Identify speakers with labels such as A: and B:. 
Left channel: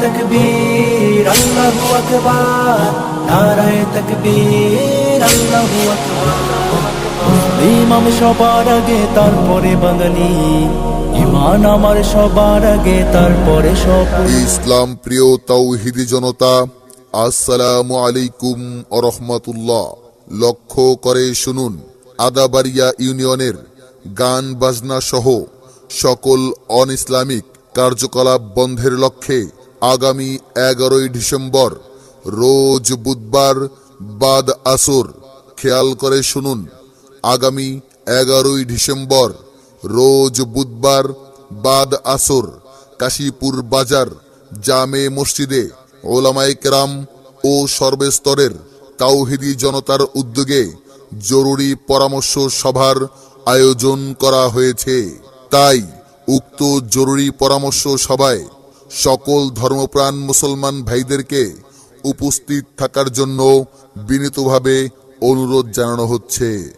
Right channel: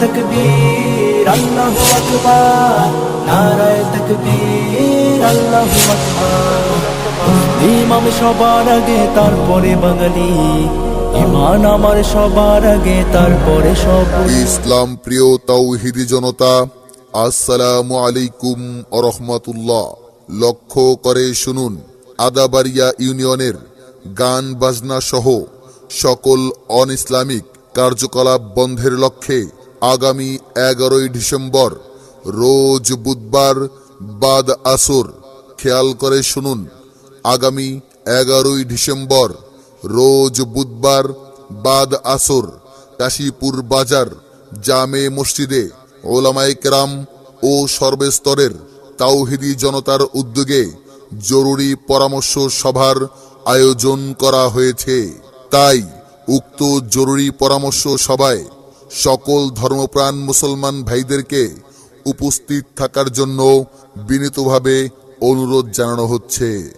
A: তকবীর আল্লাহু আকবার নারায়ে তকবীর আল্লাহু আকবার মুসলিম সবার আগে তারপরে বাঙালি ইমান আমার সবার আগে তারপরে সপুরি
B: ইসলাম প্রিয় তাওহিদি জনতা, আসসালামু আলাইকুম রহমতুল্লাহ। লক্ষ্য করে শুনুন, আদাবাড়িয়া ইউনিয়নের গান বাজনা সহ সকল অন ইসলামিক কার্যকলাপ বন্ধের লক্ষ্যে আগামী এগারোই ডিসেম্বর, রোজ বুধবার বাদ আসর। খেয়াল করে শুনুন, আগামী এগারোই ডিসেম্বর, রোজ বুধবার বাদ আসর। কাশীপুর বাজার, জামে মসজিদে ওলামাই কেরাম ও সর্বস্তরের তাওহিদি জনতার উদ্যোগে জরুরি পরামর্শ সভার আয়োজন করা হয়েছে। তাই উক্ত জরুরি পরামর্শ সভায় সকল ধর্মপ্রাণ মুসলমান ভাইদেরকে উপস্থিত থাকার জন্য বিনীতভাবে অনুরোধ জানানো হচ্ছে।